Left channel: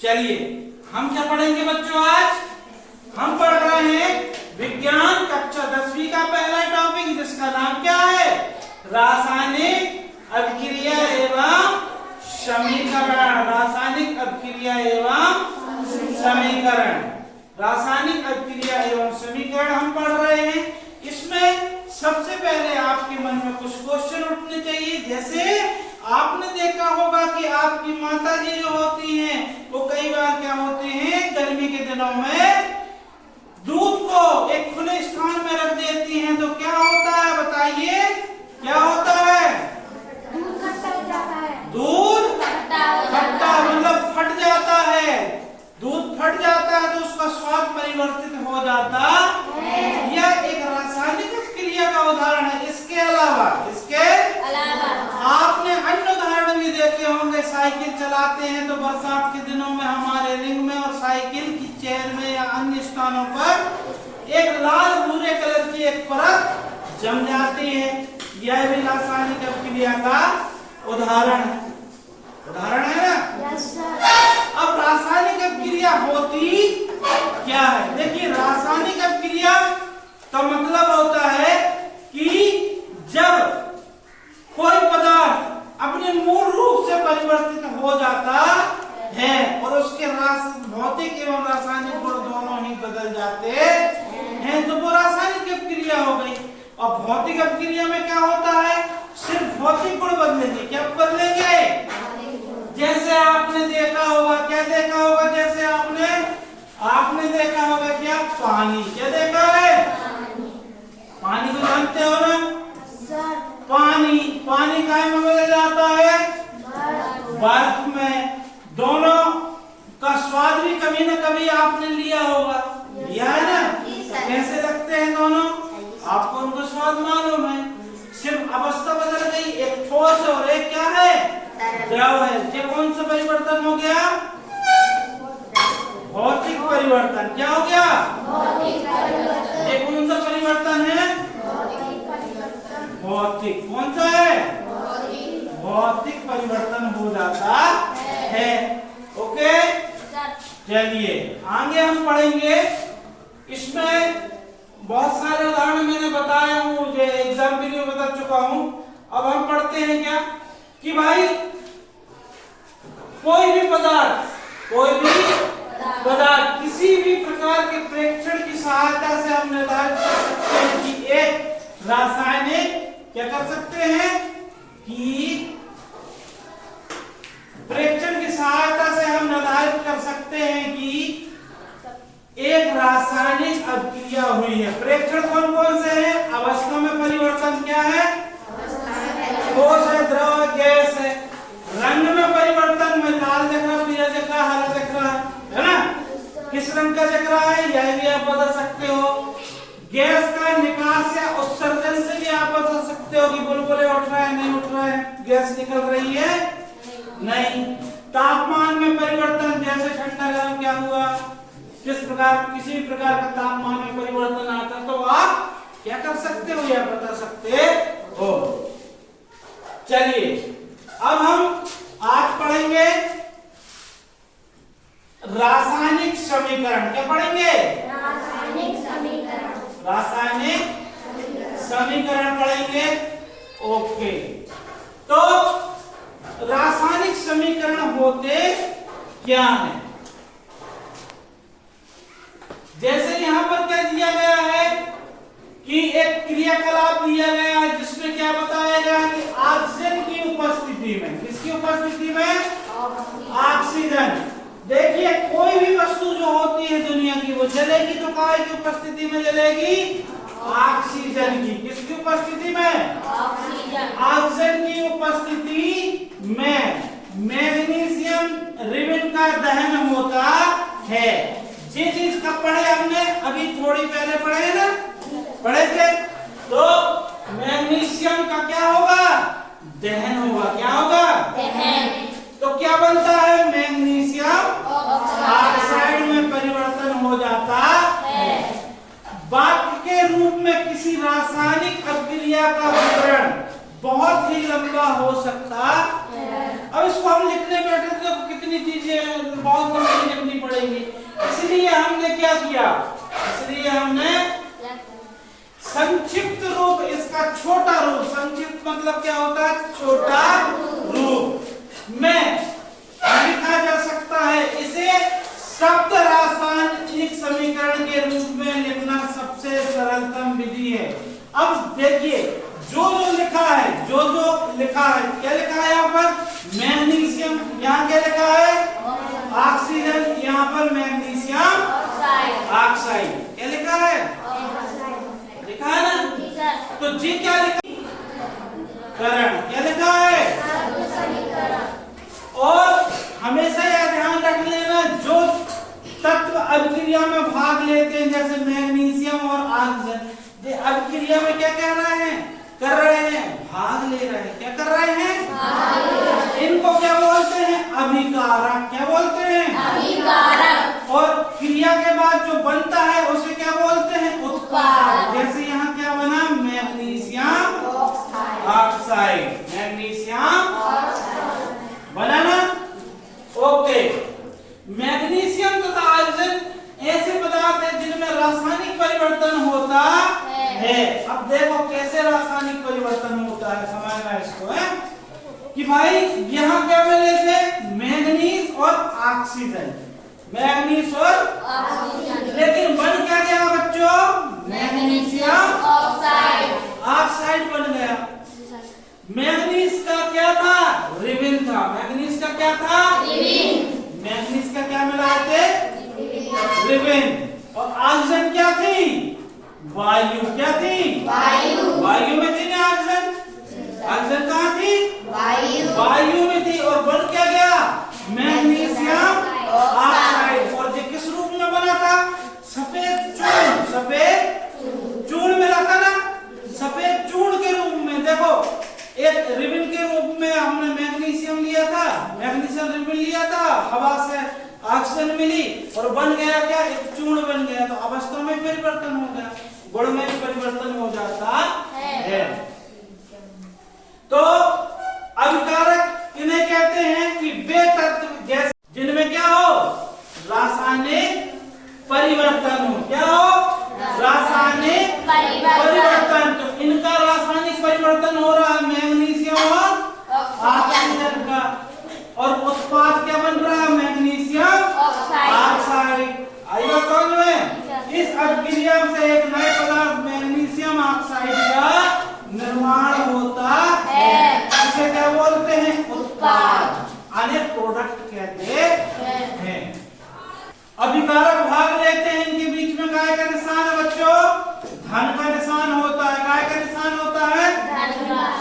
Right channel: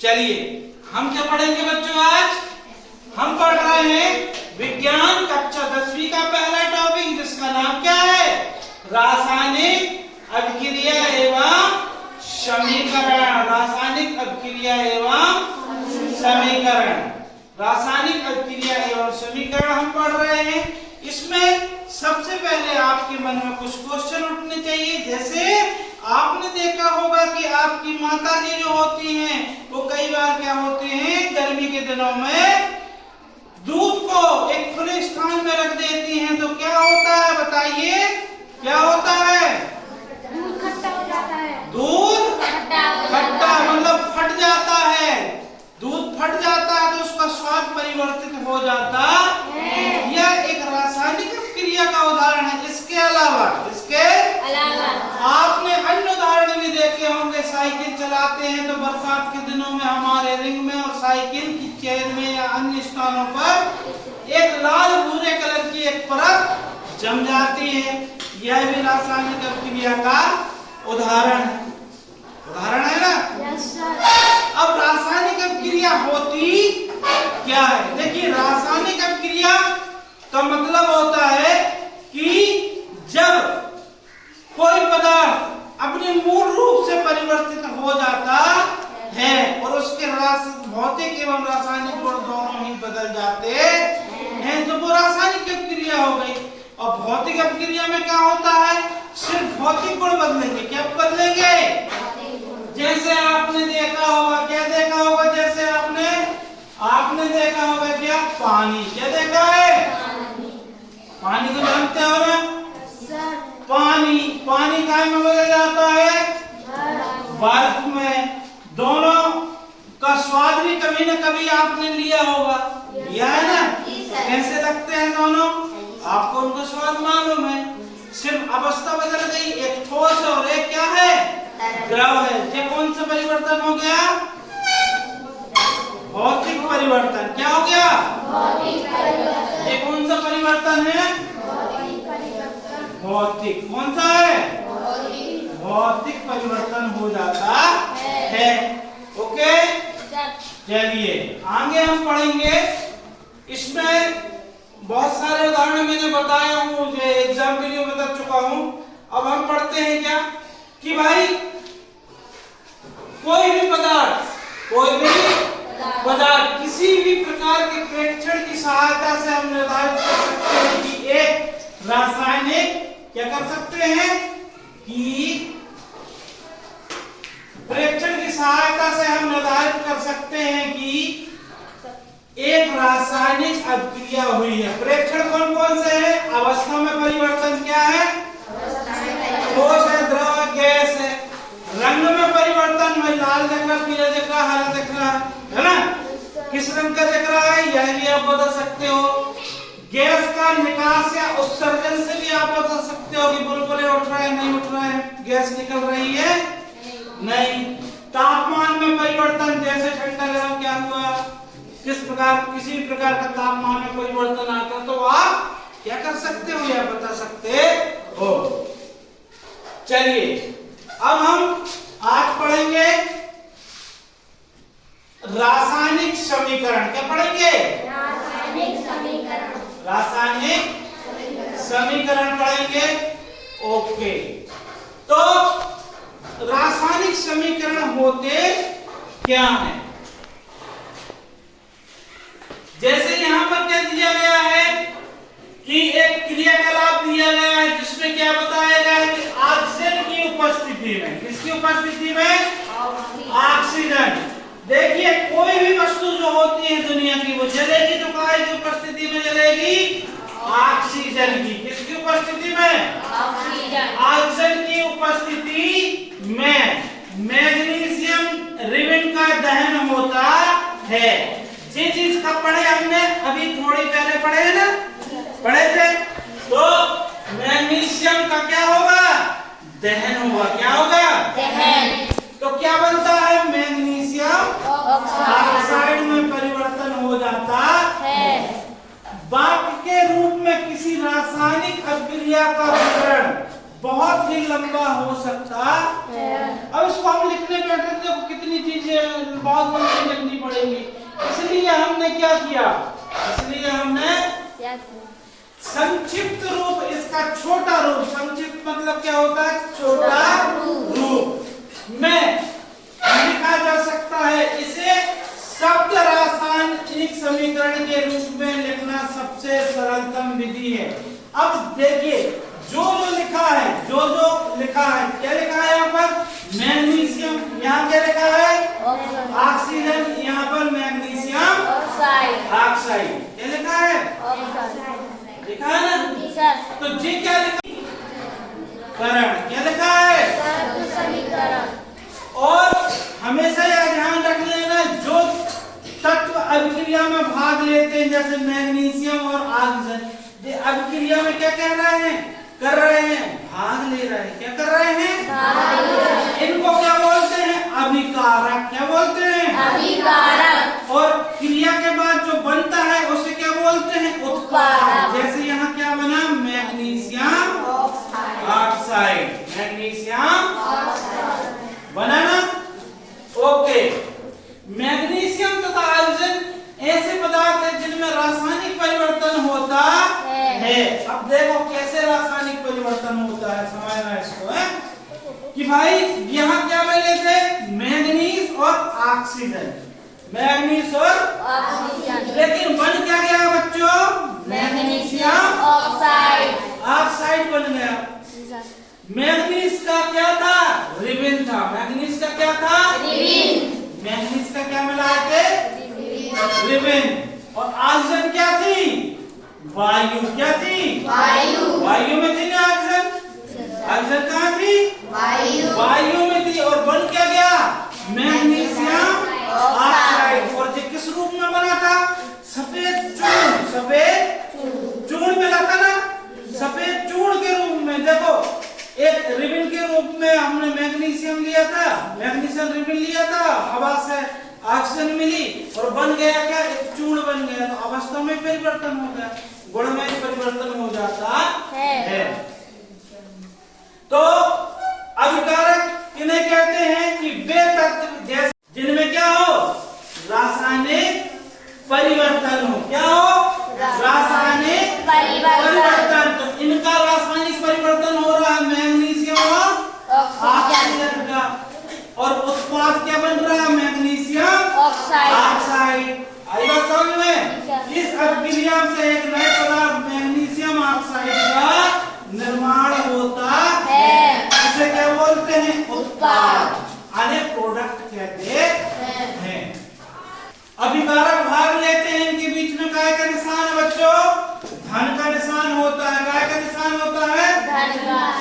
चलिए हम क्या पढ़ेंगे बच्चों? आज हम पढ़ रहे हैं विज्ञान कक्षा 10वीं का पहला टॉपिक, जिसका नाम क्या है? रासायनिक अभिक्रिया एवं समीकरण। रासायनिक अभिक्रिया एवं समीकरण। रासायनिक अभिक्रिया एवं समीकरण हम पढ़ रहे हैं। इसमें सबसे पहले आपके मन में कुछ क्वेश्चन उठने चाहिए। जैसे आपने देखा होगा कि आपकी माताजी जो होती हैं वो कई बार क्या होते हैं, गर्मी के दिनों में दूध को एक खुले स्थान में रख देती हैं, तो क्या होता है बताइए? क्या होता है? दूध खट्टा हो जाता है। दूध खट्टा मतलब फट जाता है। दूध फट जाता है तो उसका स्वाद परिवर्तित हो जाता है। यह एक रासायनिक क्रिया का उदाहरण है। इसके अलावा आपने अन्य उदाहरण भी देखे होंगे। साइकिल चलाते हैं तो बरसात के दिनों में हमारे रिंग में और साइकिल की चेयर में या अन्य स्थानों पर एक लाल भूरे कलर की एक परत जम जाती है। यह भी रासायनिक क्रिया का उदाहरण है ना? Yes sir. अब रासायनिक अभिक्रिया होती क्या है? देखिए, रासायनिक अभिक्रिया का मतलब होता है कि जब कोई पदार्थ अपने मूल रूप से परिवर्तित हो जाता है और उसके भौतिक एवं रासायनिक गुण दोनों ही बदल जाते हैं, तो वो रासायनिक अभिक्रिया हो गई। और भौतिक अभिक्रिया में क्या होता है? सिर्फ भौतिक गुण बदलेंगे। क्या बदलेंगे? जैसे आपने देखा होगा, क्या देखा होगा? जैसे आपने देखा होगा क्या? पानी। क्या देखा है? पानी को जानते हो ना? पानी काय में बदल जाता है? बर्फ में। दोनों का स्वाद भी कभी न कभी आपने लिया होगा, लिया है ना? कैसे लगते हैं दोनों? आपको उनका स्वाद मालूम है। सिर्फ अवस्था बदल गई, एक ठोस और एक क्या है? द्रव है। ये कौन सा परिवर्तन हो गया? भौतिक परिवर्तन। क्या हो गया? ये कौन सा परिवर्तन है? भौतिक। कौन सा है? भौतिक परिवर्तन हो जाता है। ओके, चलिए आगे हम पढ़ेंगे। इसमें बहुत सारे उदाहरण मैंने बताया हूँ, जो एग्जाम के लिए बता चुका हूँ। अब हम पढ़ते हैं क्या कि भाई कोई भी पदार्थ किसी भी प्रकार के प्रेक्षण की सहायता से हम निर्धारित कर सकते हैं कि एक रासायनिक क्या कर सकते हैं कि प्रेक्षण की सहायता से हम निर्धारित कर सकते हैं कि एक रासायनिक अभिक्रिया हुई है। प्रेक्षण कौन कौन से है? अवस्था में परिवर्तन क्या है? ठोस है, द्रव है, गैस है। रंग में परिवर्तन में लाल दिख रहा, पीला दिख रहा, हरा दिख रहा है ना? किस रंग का दिख रहा है यह भी आप बता सकते हो। गैस का निकास या उत्सर्जन से भी आप बता सकते हो कि बुलबुले उठ रहा है नहीं उठ रहा है, गैस निकल रही है नहीं। तापमान में परिवर्तन, जैसे ठंडा गरम क्या हुआ, किसी भी प्रकार का तापमान में परिवर्तन आता तो आप क्या कर सकते हो या बता सकते हो। चलिए अब हम आज पढ़ेंगे रासायनिक समीकरण। क्या पढ़ेंगे? रासायनिक समीकरण पढ़ेंगे। ओके, तो रासायनिक समीकरण होते क्या है? जैसे यहाँ पर क्या दिया गया है कि एक क्रियाकलाप दिया गया है जिसमें क्या बताया गया है कि ऑक्सीजन की उपस्थिति में, किसकी उपस्थिति में? ऑक्सीजन। देखिए, कोई भी वस्तु जो होती है दुनिया की वो जलेगी तो काय की उपस्थिति में जलेगी? ऑक्सीजन की। किसकी उपस्थिति में? ऑक्सीजन की उपस्थिति में मैग्नीशियम रिबन का दहन होता है। जिस चीज का पढ़े हमने अभी थोड़ी पहले पढ़े ना, पढ़े थे, तो मैग्नीशियम का क्या होगा? दहन होगा। क्या होगा? दहन। तो क्या बनता है? मैग्नीशियम ऑक्साइड में परिवर्तन हो जाता है। वाक्य के रूप में किसी रासायनिक अभिक्रिया का विवरण बहुत ही लंबा हो सकता है। अब इसको हम लिखने बैठे तो कितनी चीजें बहुत लंबी लिखनी पड़ेगी। इसलिए हमने क्या किया, इसलिए हमने संक्षिप्त रूप, इसका छोटा रूप, संक्षिप्त मतलब क्या होता है, छोटा रूप में लिखा जा सकता है। इसे शब्द रासायनिक समीकरण के रूप में लिखना सबसे सरलतम विधि है। अब देखिए जो लिखा है, जो लिखा है, क्या लिखा है यहाँ पर, मैग्नीशियम, यहाँ क्या लिखा है, ऑक्सीजन, यहाँ पर मैग्नीशियम ऑक्साइड, क्या लिखा है, लिखा है ना। तो जी क्या लिखा, करण, क्या लिखा है, और हमेशा यह ध्यान रख लेना, जो तत्व अभिक्रिया में भाग लेते हैं जैसे मैग्नीशियम और ऑक्सीजन, ये अभिक्रिया में क्या कह रहे हैं, कर रहे हैं, भाग ले रहे हैं, क्या कर रहे हैं, इनको क्या बोलते हैं, अभिकारक, क्या बोलते हैं, अभिकारक। और क्रिया के बाद जो बनता है उसे क्या बोलते हैं, उत्पाद। जैसे यहाँ क्या बना, मैग्नीशियम ऑक्साइड, मैग्नीशियम बना ना, ओके। मैग्नीशियम तथा ऑक्सीजन ऐसे पदार्थ हैं जिनमें रासायनिक परिवर्तन होता है। अब देखो कैसे रासायनिक परिवर्तन होता है, समझना इसको है कि भाई यहाँ क्या बने थे, मैग्नीज और ऑक्सीजन, मैग्नीज और ऑक्सीजन, लेकिन बन क्या गया बच्चों, मैग्नीशियम ऑक्साइड बन गया। मैग्नीज का क्या था, रिबिन था, मैग्नीज का क्या था, रिबिन, मैग्नीज का क्या मिलाए थे, रिबिन। और ऑक्सीजन क्या थी, वायु, क्या थी, वायु में थी ना ऑक्सीजन, ऑक्सीजन कहाँ थी, वायु में थी, और बन क्या गया, मैग्नीशियम ऑक्साइड। और ये किस रूप में बना था, सफेद चूर्ण, सफेद चूर्ण मिला था ना, सफेद चूर्ण के रूप में। देखो एक रिबिन के रूप में हमने मैग्नीशियम लिया था, मैग्नीशियम रिबिन लिया था, हवा से ऑक्सीजन मिली और बन गया क्या, एक चूर्ण बन गया। तो अवस्था में परिवर्तन हो गया, गुण में परिवर्तन हो जाता है। तो अभिकारक इन्हें कहते हैं कि वे तत्व जैसे जिनमें क्या हो, रासायनिक परिवर्तन हो, क्या हो, रासायनिक परिवर्तन। तो इनका रासायनिक परिवर्तन हो रहा है मैग्नीशियम और ऑक्सीजन का, और उत्पाद क्या बन रहा है, मैग्नीशियम ऑक्साइड। आई बात समझ में। इस अभिक्रिया से एक नए पदार्थ मैग्नीशियम ऑक्साइड का निर्माण होता है, इसे क्या बोलते हैं, उत्पाद, यानी प्रोडक्ट कहते हैं। अभिकारक भाग लेते हैं, इनके बीच में काय का निशान है बच्चों, धन का निशान होता है, काय का निशान होता है,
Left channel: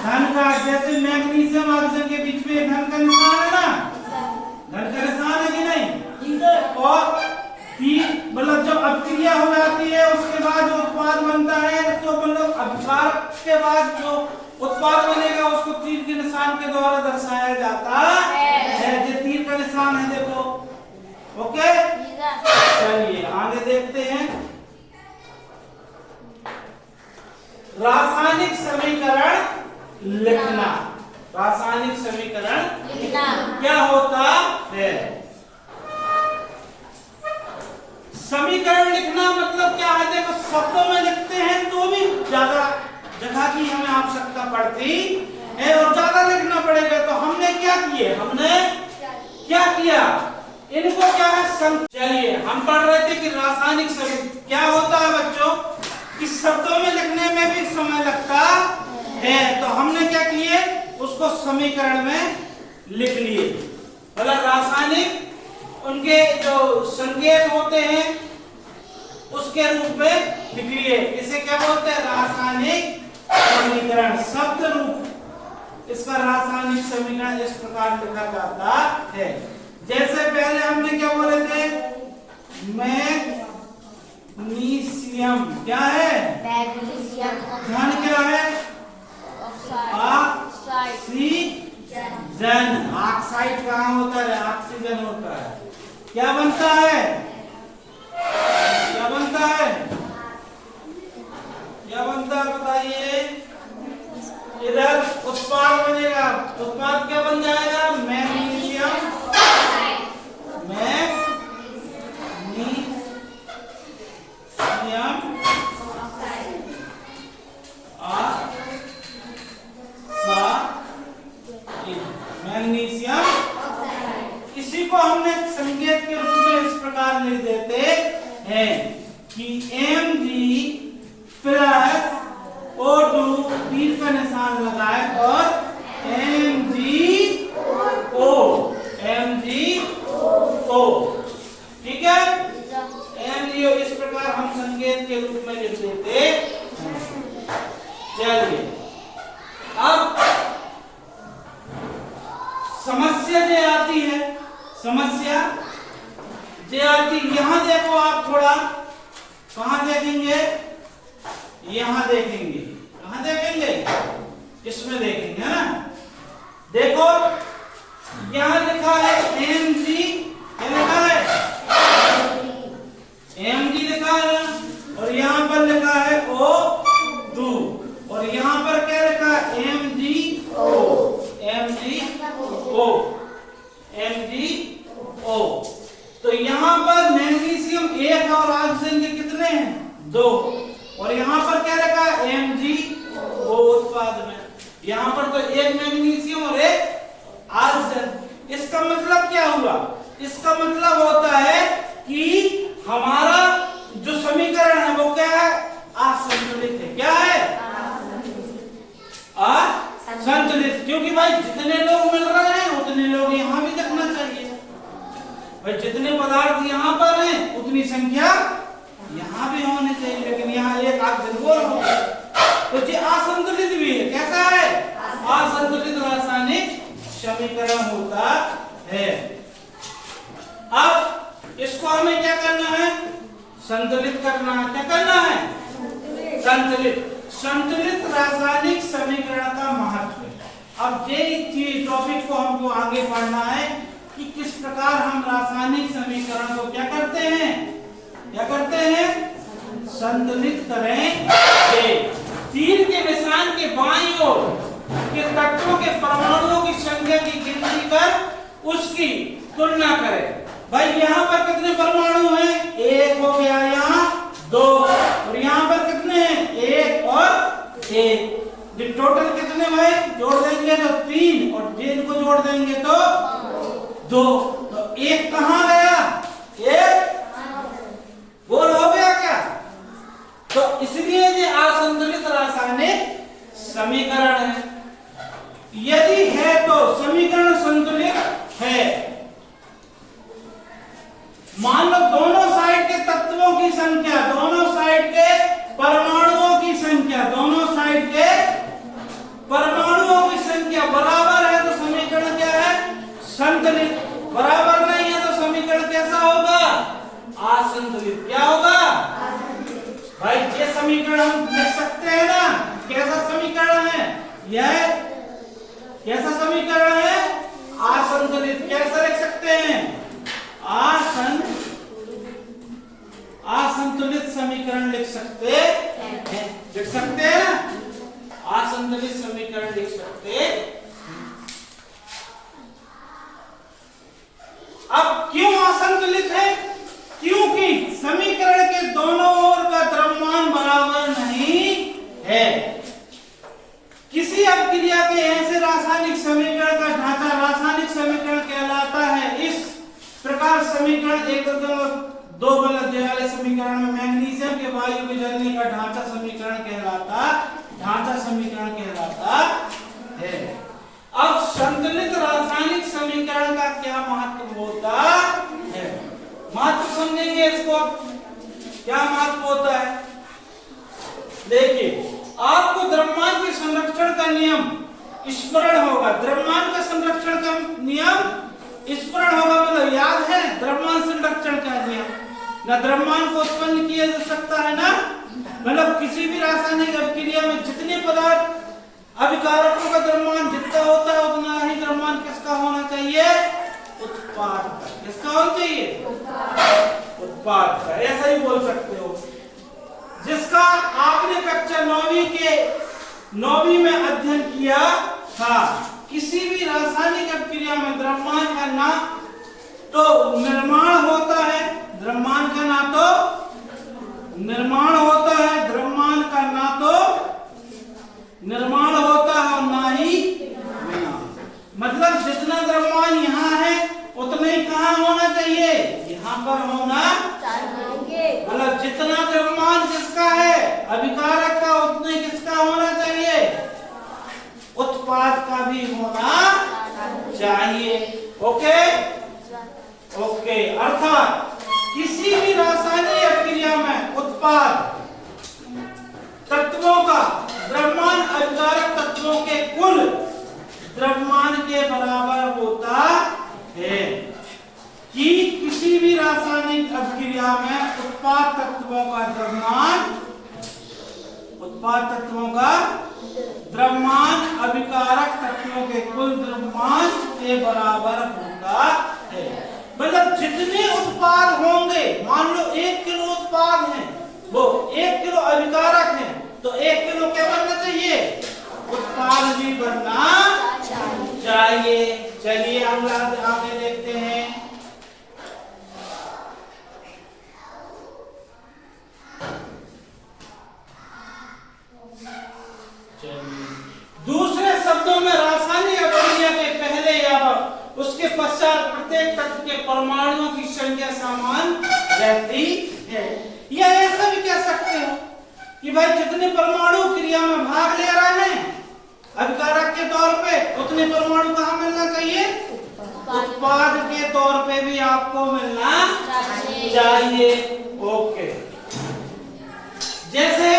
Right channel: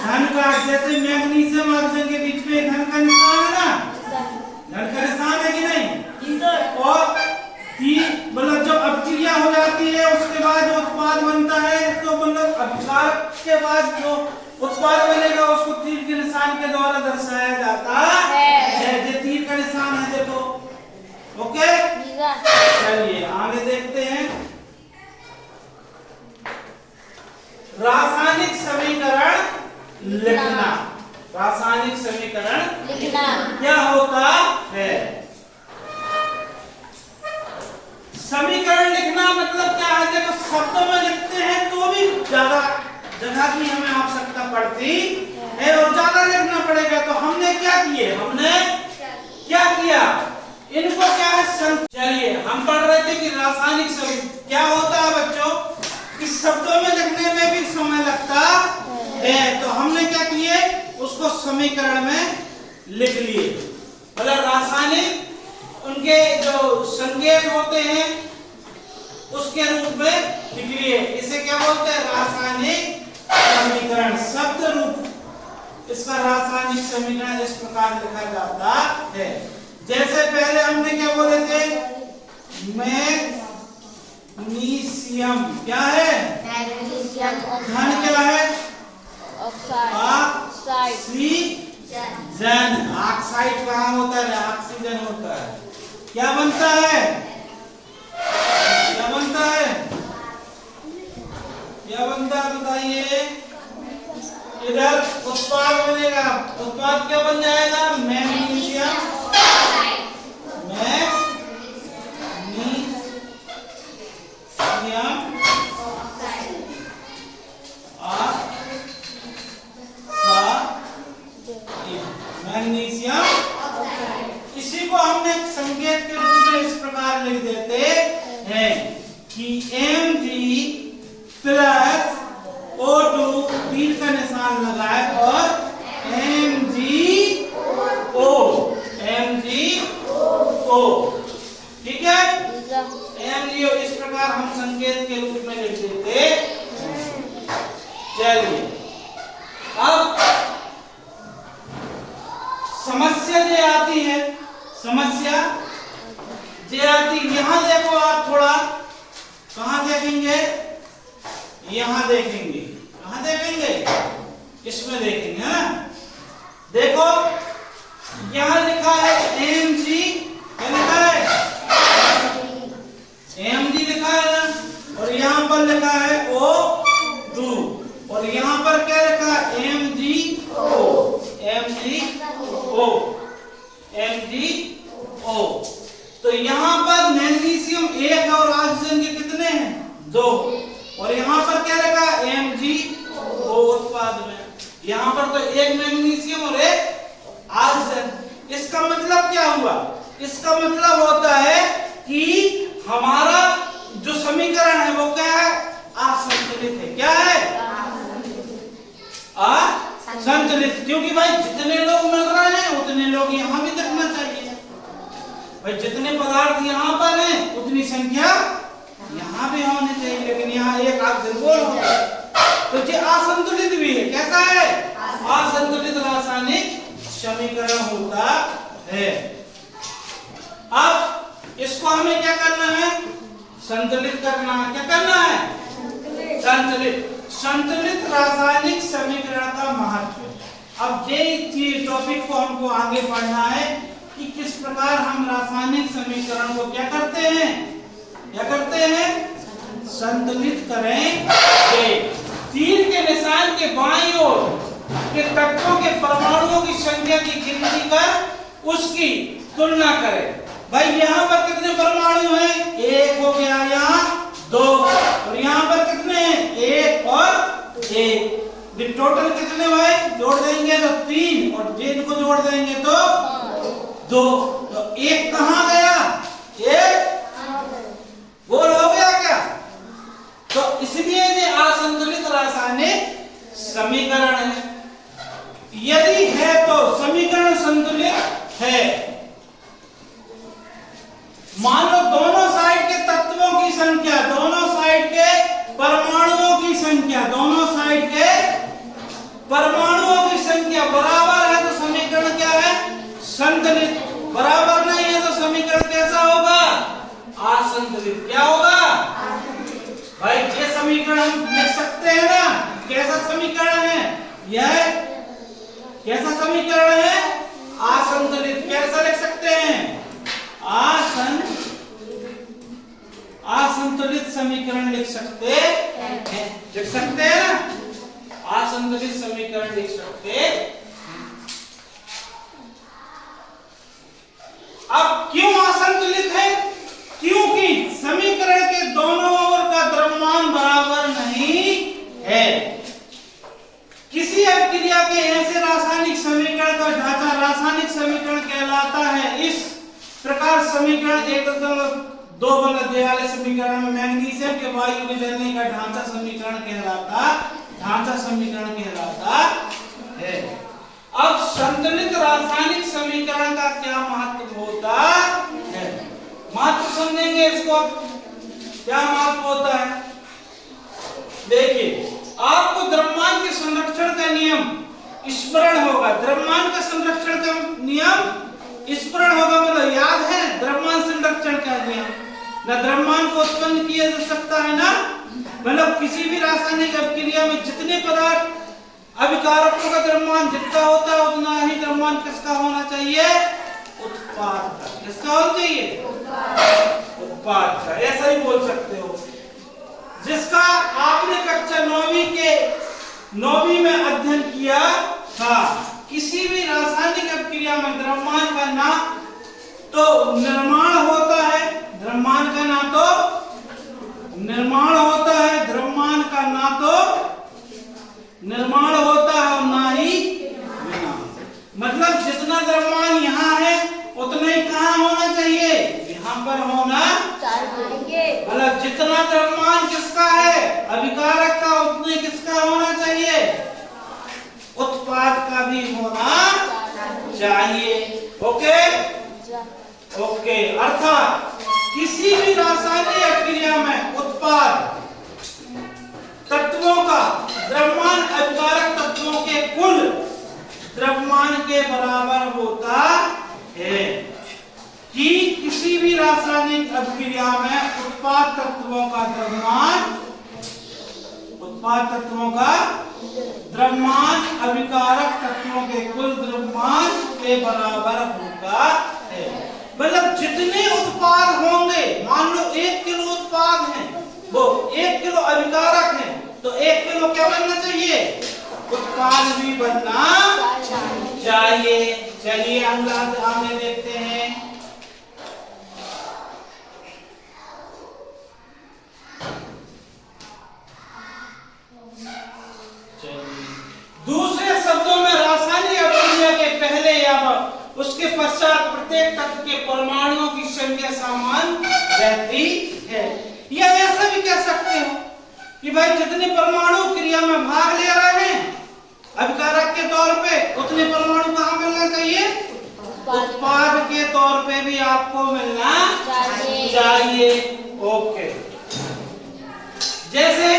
धन का। जैसे मैग्नीशियम ऑक्सीजन के बीच में धन का निशान है ना, धन का निशान है कि नहीं। और मतलब जब अभिक्रिया हो जाती है उसके बाद जो उत्पाद बनता है, तो मतलब अभिकारक के बाद जो उत्पाद बनेगा उसको तीर के निशान के द्वारा दर्शाया जाता है। ये तीर का निशान है, देखो, ओके। चलिए आगे देखते हैं, रासायनिक समीकरण लिखना। रासायनिक समीकरण लिखना क्या होता है, समीकरण लिखना मतलब क्या है, देखो शब्दों में लिखते हैं तो भी ज्यादा जगह की हमें आवश्यकता पड़ती है और ज्यादा लिखना पड़ेगा। तो हमने क्या किए, हमने क्या किया, इनको क्या है, चलिए हम पढ़ रहे थे कि रासायनिक समीकरण क्या होता है बच्चों, कि शब्दों में लिखने में भी समय लगता है। तो हमने क्या किए, उसको समीकरण में लिख लिए, मतलब रासायनिक उनके जो संकेत होते हैं उसके रूप में लिख लिए। इसे क्या बोलते हैं, रासायनिक समीकरण, शब्द रूप इसका रासायनिक समीकरण इस प्रकार लिखा जाता है। जैसे पहले हमने क्या बोले थे, मैग्नीशियम क्या है, धन क्या है, ऑक्सीजन, ऑक्साइड कहाँ होता है, ऑक्सीजन होता है। क्या बनता है, क्या बनता है, क्या बनता है बताइए, इधर उत्पाद बनेगा, उत्पाद क्या बन जाएगा, मैग्नीशियम, मैग्नीशियम इसको हमने संकेत के रूप में इस प्रकार लिख देते हैं कि Mg प्लस O2 तीर का निशान लगाए और MgO ठीक है। MgO इस प्रकार हम संकेत के रूप में लिख देते। चलिए अब समस्या जो आती है, समस्या जो आती, यहां देखो आप थोड़ा, कहां देखेंगे, यहां देखेंगे, कहां देखेंगे, इसमें देखेंगे, है ना। देखो यहां लिखा है Mg, क्या लिखा है, Mg लिखा है और यहां पर लिखा है O2 और यहां पर क्या लिखा है MgO। तो यहां पर मैग्नीशियम 1 और ऑक्सीजन के कितने हैं, 2 और यहां पर क्या लिखा है MgO उत्पाद में, यहां पर तो एक मैग्नीशियम और एक ऑक्सीजन। इसका मतलब क्या हुआ, इसका मतलब होता है कि हमारा जो समीकरण है वो क्या है, असंतुलित है। क्या है, असंतुलित, क्योंकि भाई जितने लोग मिल रहे हैं उतने लोग यहां भी दिखना चाहिए भाई, जितने पदार्थ यहां पर हैं उतनी संख्या यहां भी होनी चाहिए, लेकिन यहां एक ऑक्सीजन बोल हो, तो ये असंतुलित भी है। कैसा है, असंतुलित रासायनिक समीकरण होता है। अब इसको हमें क्या करना है, संतुलित करना है। क्या करना है, संतुलित। संतुलित रासायनिक समीकरण का महत्व। अब ये टॉपिक को हमको आगे पढ़ना है कि किस प्रकार हम रासायनिक समीकरण को क्या करते हैं, क्या करते हैं, संतुलित करेंगे। तीर के निशान के बाईं ओर के तत्वों के परमाणुओं की संख्या की गिनती कर उसकी तुलना करें। भाई यहाँ पर कितने परमाणु हैं, 1 हो गया, यहाँ 2 और यहाँ पर कितने हैं, 1 और 1। टोटल कितने भाई, जोड़ देंगे तो 3 और जेड को जोड़ देंगे तो 2। तो 1 कहाँ गया, 1 गोल हो गया क्या। तो इसलिए ये असंतुलित रासायनिक समीकरण है। यदि है तो समीकरण संतुलित है। मान लो दोनों साइड के तत्वों की संख्या, दोनों साइड के परमाणुओं की संख्या, दोनों साइड के परमाणुओं की संख्या बराबर है तो समीकरण क्या है, संतुलित। बराबर नहीं है तो समीकरण कैसा होगा, असंतुलित। क्या होगा भाई, ये समीकरण हम लिख सकते हैं ना, कैसा समीकरण है यह, कैसा समीकरण है, असंतुलित। कैसा लिख सकते हैं, असंतुलित समीकरण लिख सकते हैं, लिख सकते हैं ना, असंतुलित समीकरण लिख सकते हैं। अब क्यों असंतुलित है, क्योंकि समीकरण के दोनों ओर का द्रव्यमान बराबर नहीं है। किसी अभिक्रिया के ऐसे रासायनिक समीकरण का ढांचा रासायनिक समीकरण कहलाता है। इस प्रकार समीकरण 1.2 वाले समीकरण में मैग्नीशियम के वायु के जलने का ढांचा समीकरण कहलाता है। अब संतुलित रासायनिक समीकरण का क्या महत्व होता है, महत्व समझेंगे इसको। क्या महत्व होता है, देखिए आपको द्रव्यमान के संरक्षण का नियम स्मरण होगा। द्रव्यमान का संरक्षण का नियम स्मरण होगा, मतलब याद है द्रव्यमान संरक्षण का नियम। ना द्रव्यमान को उत्पन्न किया जा सकता है ना, मतलब किसी भी रासायनिक अभिक्रिया में जितने पदार्थ अभिकारकों का द्रव्यमान जितना होता है उतना ही द्रव्यमान किसका होना चाहिए, उत्पाद का। किसका होना चाहिए, उत्पाद का। ऐसा ही बोल सकते हो, जिसका आपने कक्षा 9वीं में अध्ययन किया था। किसी भी रासायनिक अभिक्रिया में द्रव्यमान का ना तो निर्माण होता है, द्रव्यमान का ना तो निर्माण होता है, द्रव्यमान का ना तो निर्माण होता है और ना ही विनाश। मतलब जितना द्रव्यमान यहाँ है उतना ही कहाँ यहाँ पर होना चाहिए। मतलब जितना द्रव्यमान किसका है अभिकारक का, उतने किसका होना चाहिए, उत्पाद का भी होना चाहिए। ओके ओके, अर्थात किसी भी रासायनिक क्रिया में उत्पाद तत्वों का द्रव्यमान अभिकारक तत्वों के कुल द्रव्यमान के बराबर होता है। कि किसी भी रासायनिक अभिक्रिया में उत्पाद तत्वों का द्रव्यमान अभिकारक तत्वों के कुल द्रव्यमान के बराबर होता है। मतलब जितने उत्पाद होंगे, मान लो 1 किलो उत्पाद है, वो 1 किलो अभिकारक है, तो 1 किलो क्या बनना चाहिए, उत्पाद भी बनना चाहिए। चलिए अगला हमें देखते हैं। दूसरे शब्दों में रासायनिक अभिक्रिया के पहले या उसके पश्चात प्रत्येक तत्व के परमाणुओं की संख्या समान रहती है। या ऐसा भी कह सकते हो कि भाई जितने परमाणु क्रिया में भाग ले रहे हैं अभिकारक के तौर पे, उतने परमाणु कहाँ मिलना चाहिए, उत्पाद के तौर पे भी आपको मिलना चाहिए। ओके, जैसे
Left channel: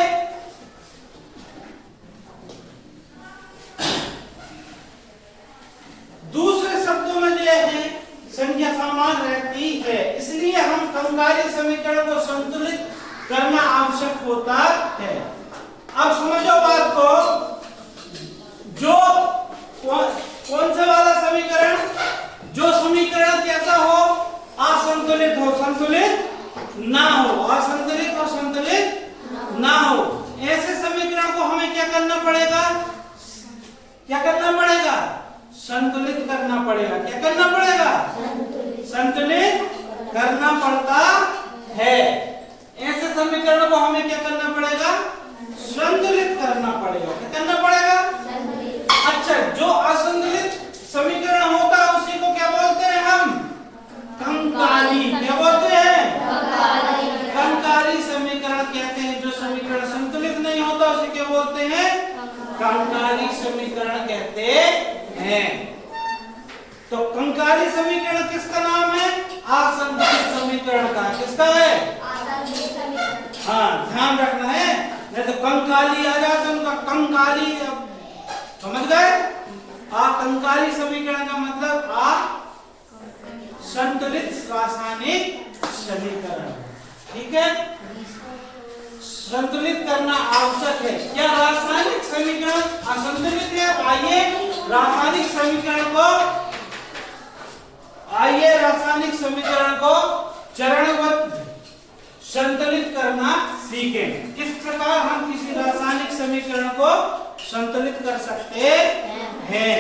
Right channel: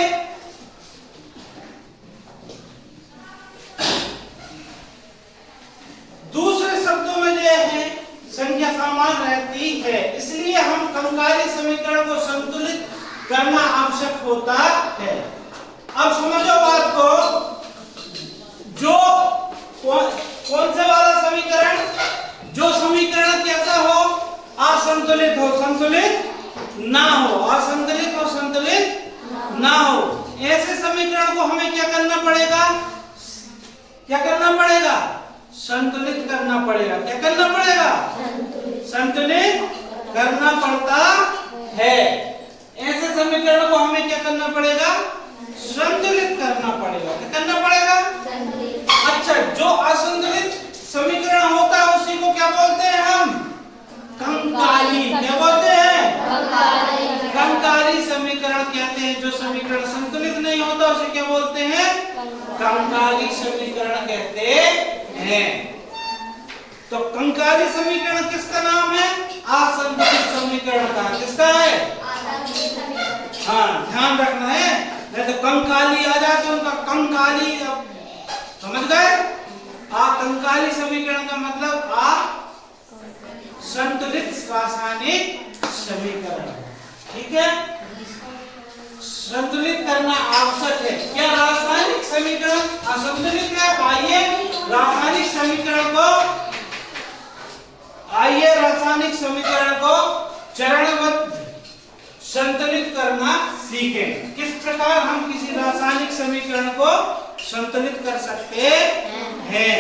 दूसरे शब्दों में जो है संख्या समान रहती है, इसलिए हम कंकारी समीकरण को संतुलित करना आवश्यक होता है। अब समझो बात को, जो कौन से वाला समीकरण, जो समीकरण कैसा हो, असंतुलित हो, संतुलित ना हो, असंतुलित और संतुलित ना हो, ऐसे समीकरण को हमें क्या करना पड़ेगा, क्या करना पड़ेगा, संतुलित करना पड़ेगा। क्या करना पड़ेगा, संतुलित करना पड़ता है। ऐसे समीकरण को हमें क्या करना पड़ेगा, संतुलित करना पड़ेगा। क्या करना पड़ेगा, अच्छा, जो असंतुलित समीकरण होता है उसी को क्या बोलते हैं हम, कंकाली। क्या बोलते हैं, कंकाली समीकरण कहते हैं। जो समीकरण संतुलित नहीं होता उसे क्या बोलते हैं, कंकाली समीकरण कहते हैं। तो कंकाली समीकरण किसका नाम है, असंतुलित समीकरण का। किसका है, हाँ ध्यान रखना है, नहीं तो कंकाली आ जाए तो उनका कंकाली, समझ गए, कंकाली समीकरण का मतलब संतुलित रासायनिक समीकरण। ठीक है, संतुलित करना आवश्यक है। क्या रासायनिक समीकरण असंतुलित है, आइए रासायनिक समीकरण को चरणबद्ध संतुलित करना सीखें। किस प्रकार हम किसी रासायनिक समीकरण को संतुलित कर सकते हैं।